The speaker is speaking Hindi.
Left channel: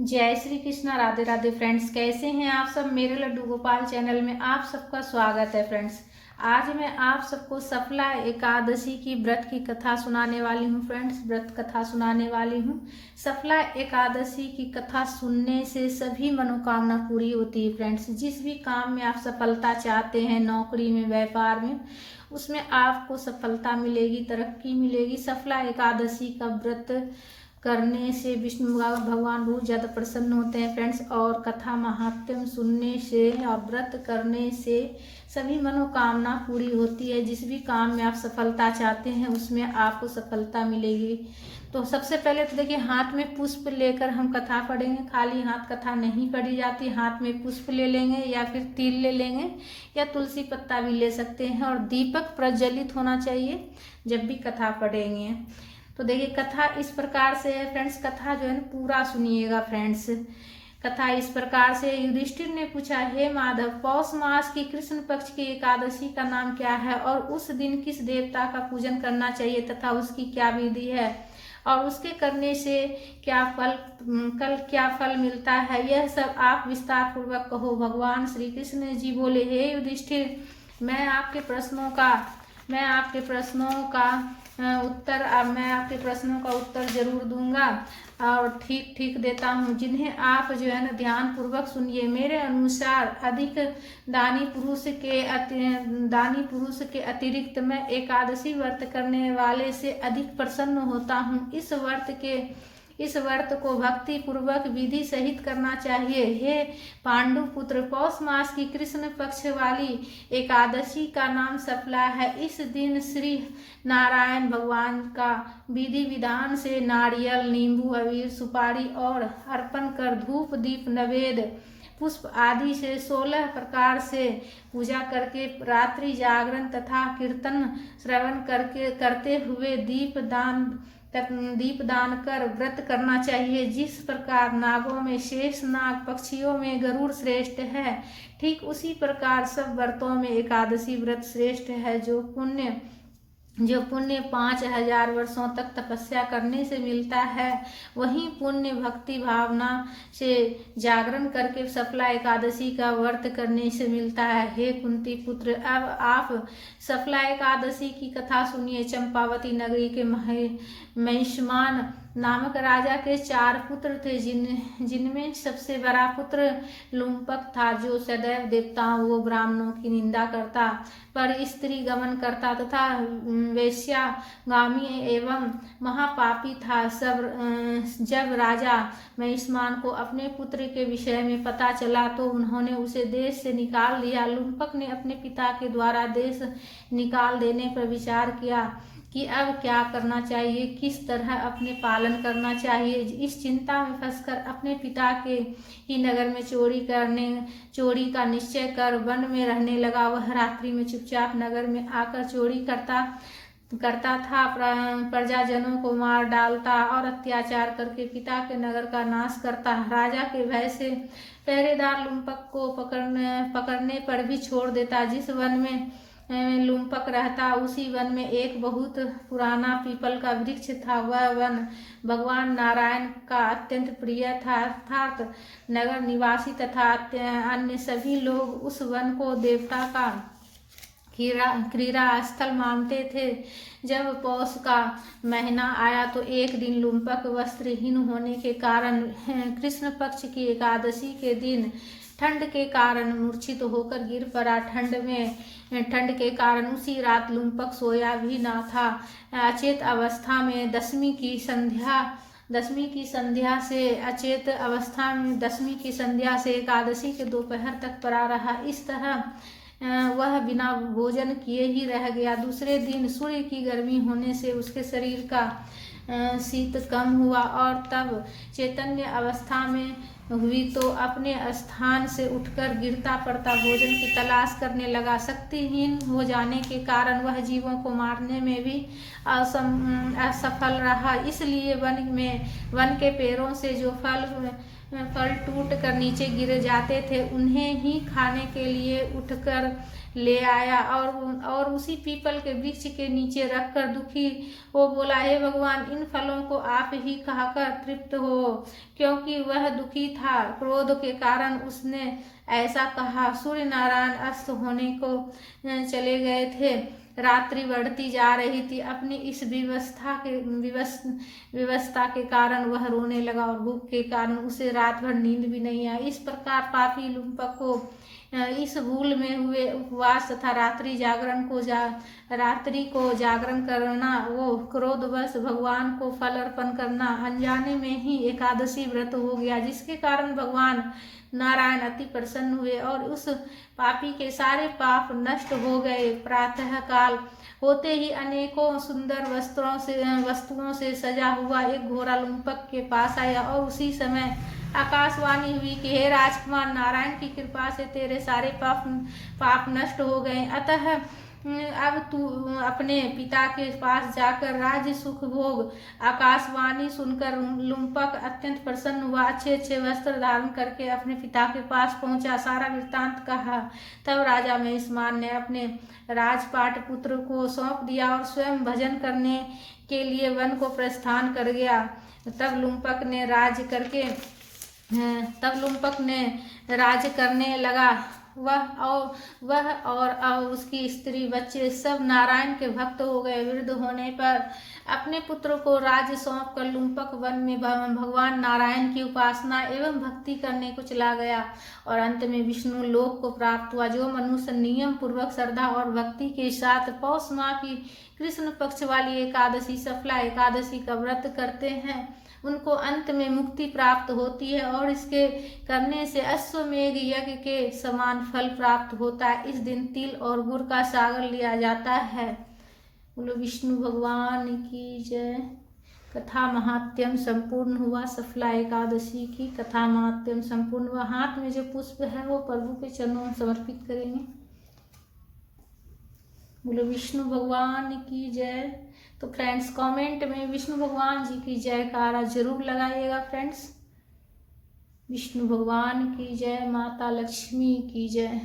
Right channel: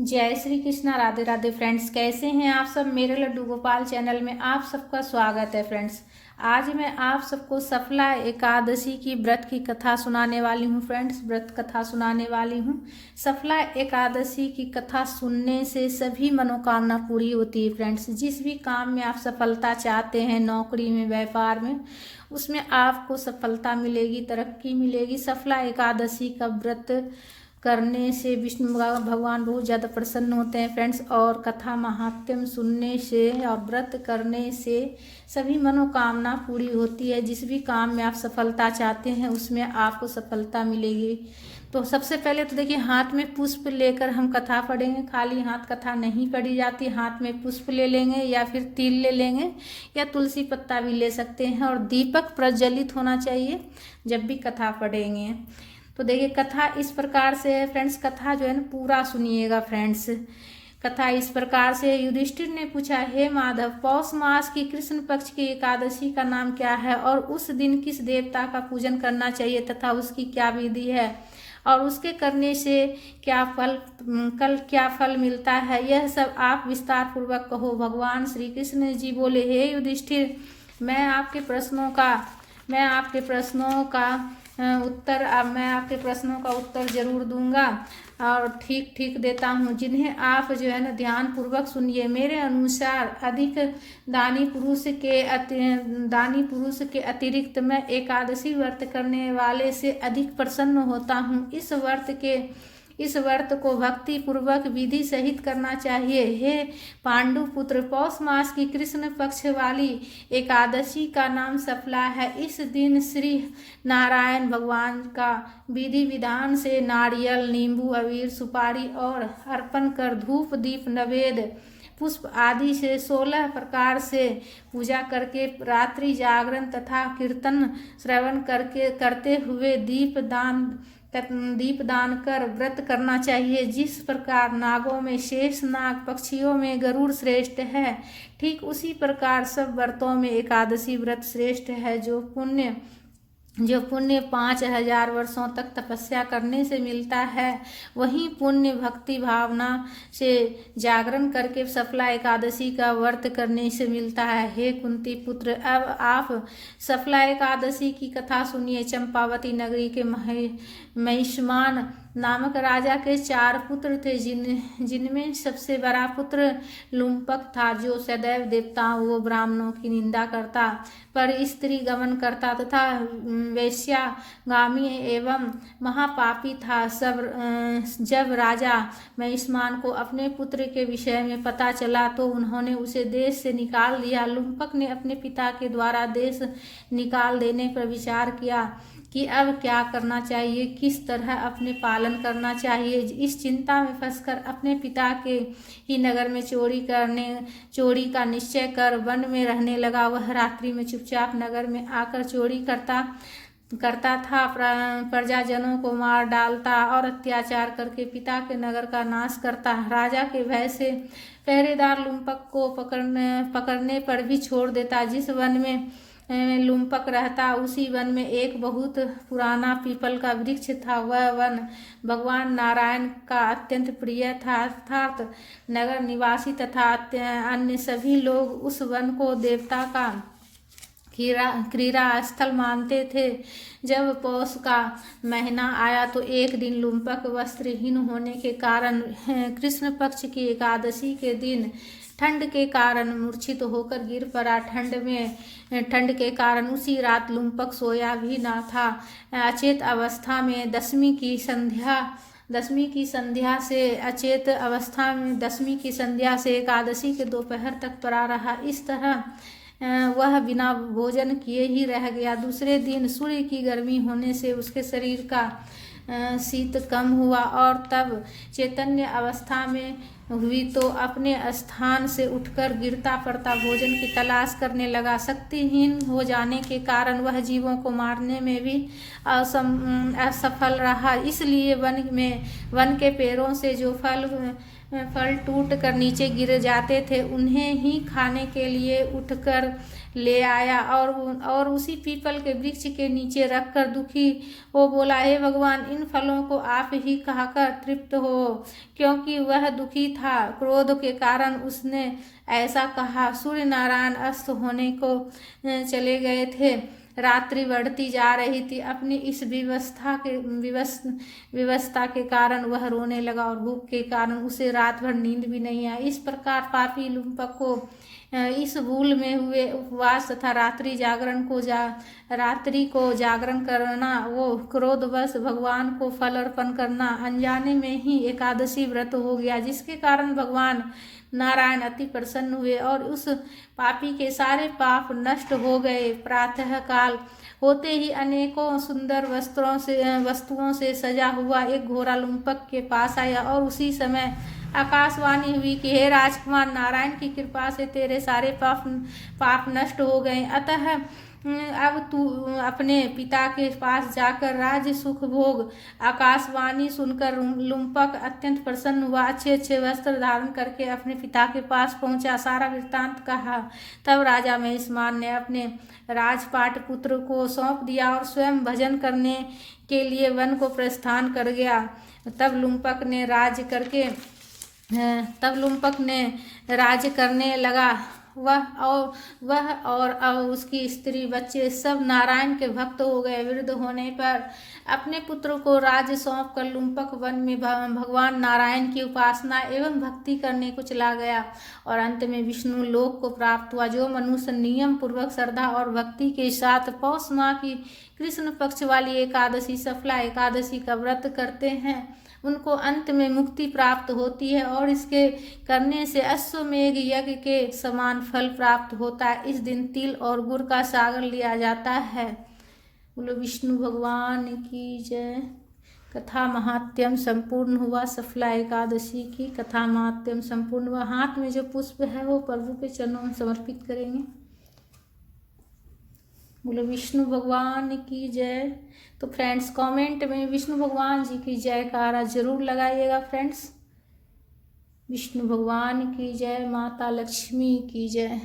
जय श्री कृष्णा। राधे राधे फ्रेंड्स, कैसे हैं आप सब। मेरे लड्डू गोपाल चैनल में आप सबका स्वागत है फ्रेंड्स। आज मैं आप सबको सफला एकादशी की व्रत की कथा सुनाने वाली हूँ फ्रेंड्स। व्रत कथा सुनाने वाली हूँ। सफला एकादशी की कथा सुनने से सभी मनोकामना पूरी होती है फ्रेंड्स। जिस भी काम में आप सफलता चाहते हैं, नौकरी में, व्यापार में, उसमें आपको सफलता मिलेगी, तरक्की मिलेगी। सफला एकादशी का व्रत करने से विष्णु भगवान बहुत ज़्यादा प्रसन्न होते हैं फ्रेंड्स। और कथा महात्म्य सुनने से और व्रत करने से सभी मनोकामना पूरी होती है। जिस भी काम में आप सफलता चाहते हैं उसमें आपको सफलता मिलेगी। तो सबसे पहले तो देखिए, हाथ में पुष्प लेकर हम कथा पढ़ेंगे। खाली हाथ कथा नहीं पढ़ी जाती। हाथ में पुष्प ले लेंगे या फिर तिल ले लेंगे या तुलसी पत्ता भी ले सकते हैं। और दीपक प्रज्वलित होना चाहिए जब भी कथा पढ़ेंगे। तो देखिए, कथा इस प्रकार से है फ्रेंड्स। कथा जो है ना पूरा सुनिएगा फ्रेंड्स। कथा इस प्रकार से, युधिष्ठिर ने पूछा, हे माधव, पौष मास की कृष्ण पक्ष की एकादशी का नाम क्या है और उस दिन किस देवता का पूजन करना चाहिए तथा उसकी क्या विधि है और उसके करने से क्या फल मिलता है, यह सब आप विस्तार पूर्वक कहो। भगवान श्री कृष्ण जी बोले, हे युधिष्ठिर, मैं आपके प्रश्नों का उत्तर जरूर दूंगा और ठीक ठीक देता हूँ, जिन्हें आप जो है ना ध्यान पूर्वक सुनिए। मेरे अनुसार अधिक दानी पुरुष के अतिरिक्त मैं एकादशी व्रत करने वाले से अधिक प्रसन्न होता हूँ। इस व्रत को भक्ति पूर्वक विधि सहित करना चाहिए। हे पांडु पुत्र, पौष मास की कृष्ण पक्ष वाली एकादशी का नाम सफला है। इस दिन श्री नारायण भगवान का विधि विधान से नारियल, नींबू, अबीर, सुपारी और अर्पण कर धूप, दीप, नवेद, पुष्प आदि से 16 प्रकार से पूजा करके रात्रि जागरण तथा कीर्तन श्रवण करते हुए दीपदान कर व्रत करना चाहिए। जिस प्रकार नागों में शेष नाग, पक्षियों में गरुड़ श्रेष्ठ है, ठीक उसी प्रकार सब व्रतों में एकादशी व्रत श्रेष्ठ है। जो पुण्य 5000 वर्षों तक तपस्या करने से मिलता है, वही पुण्य भक्ति भावना से जागरण करके सफला एकादशी का व्रत करने से मिलता है। हे कुंती पुत्र, अब आप सफला एकादशी की कथा सुनिए। चंपावती नगरी के महिष्मान नामक राजा के 4 पुत्र थे, जिनमें सबसे बड़ा पुत्र लुम्पक था, जो सदैव देवताओं व ब्राह्मणों की निंदा करता, पर स्त्री गमन करता तथा वेश्यागामी एवं महापापी था। जब राजा महिष्मान को अपने पुत्र के विषय में पता चला तो उन्होंने उसे देश से निकाल दिया। लुम्पक ने अपने पिता के द्वारा देश निकाल देने पर विचार किया कि अब क्या करना चाहिए, किस तरह अपने पालन करना चाहिए। इस चिंता में फंसकर अपने पिता के ही नगर में चोरी का निश्चय कर वन में रहने लगा। वह रात्रि में चुपचाप नगर में आकर चोरी करता था, प्रजाजनों को मार डालता और अत्याचार करके पिता के नगर का नाश करता। राजा के भय से पहरेदार लुम्पक को पकड़ने पर भी छोड़ देता। जिस वन में लुम्पक रहता, उसी वन में एक बहुत पुराना पीपल का वृक्ष था। वह वन भगवान नारायण का अत्यंत प्रिय था, अर्थात नगर निवासी तथा अन्य सभी लोग उस वन को देवता का क्रीड़ा स्थल मानते थे। जब पौष का महीना आया तो एक दिन लुम्पक वस्त्रहीन होने के कारण कृष्ण पक्ष की एकादशी के दिन ठंड के कारण मूर्छित होकर गिर पड़ा। ठंड के कारण उसी रात लुम्पक सोया भी न था। अचेत अवस्था में दसवीं की संध्या से एकादशी के दोपहर तक पड़ा रहा। इस तरह वह बिना भोजन किए ही रह गया। दूसरे दिन सूर्य की गर्मी होने से उसके शरीर का शीत कम हुआ और तब चैतन्य अवस्था में हुई तो अपने स्थान से उठकर गिरता पड़ता भोजन की तलाश करने लगा। शक्तिहीन हो जाने के कारण वह जीवों को मारने में भी असफल रहा। इसलिए वन के पेड़ों से जो फल टूट कर नीचे गिर जाते थे, उन्हें ही खाने के लिए उठकर ले आया और उसी पीपल के वृक्ष के नीचे रखकर दुखी हो बोला, हे भगवान, इन जिन फलों को आप ही खाकर तृप्त हो, क्योंकि वह दुखी था। क्रोध के कारण उसने ऐसा कहा। सूर्य नारायण अस्त होने को चले गए थे। रात्रि बढ़ती जा रही थी। अपनी इस विवस्था के कारण वह रोने लगा और भूख के कारण उसे रात भर नींद भी नहीं आई। इस प्रकार पापी लुम्पक को इस भूल में हुए उपवास तथा रात्रि को जागरण करना, वो क्रोधवश भगवान को फल अर्पण करना अनजाने में ही एकादशी व्रत हो गया, जिसके कारण भगवान नारायण अति प्रसन्न हुए और उस पापी के सारे पाप नष्ट हो गए। प्रातः काल होते ही अनेकों सुंदर वस्तुओं से सजा हुआ एक घोड़ा लुम्पक के पास आया और उसी समय आकाशवाणी हुई कि हे राजकुमार, नारायण की कृपा से तेरे सारे पाप नष्ट हो गए, अतः अब तू अपने पिता के पास जाकर राज्य सुख भोग। आकाशवाणी सुनकर लुम्पक अत्यंत प्रसन्न हुआ। अच्छे वस्त्र धारण करके अपने पिता के पास पहुंचा, सारा वृत्तांत कहा। तब राजा महिषमान ने अपने राजपाट पुत्र को सौंप दिया और स्वयं भजन करने के लिए वन को प्रस्थान कर गया। तब लुम्पक ने राज करने लगा। वह और उसकी स्त्री बच्चे सब नारायण के भक्त हो गए। वृद्ध होने पर अपने पुत्र को राज्य सौंप कर लुम्पक वन में भगवान नारायण की उपासना एवं भक्ति करने को चला गया और अंत में विष्णु लोक को प्राप्त हुआ। जो मनुष्य नियम पूर्वक श्रद्धा और भक्ति के साथ पौष माह की कृष्ण पक्ष वाली एकादशी, सफला एकादशी का व्रत करते हैं, उनको अंत में मुक्ति प्राप्त होती है और इसके करने से अश्वमेघ यज्ञ के समान फल प्राप्त होता है। इस दिन तिल और गुड़ का सागर लिया जाता है। बोलो विष्णु भगवान की जय। कथा महात्म्यम संपूर्ण हुआ। सफला एकादशी की कथा महात्म्यम संपूर्ण हुआ। हाथ में जो पुष्प है वो प्रभु के चरणों में समर्पित करेंगे। बोलो विष्णु भगवान की जय। तो फ्रेंड्स कमेंट में विष्णु भगवान जी की जयकारा जरूर लगाइएगा फ्रेंड्स। विष्णु भगवान की जय। माता लक्ष्मी की जय।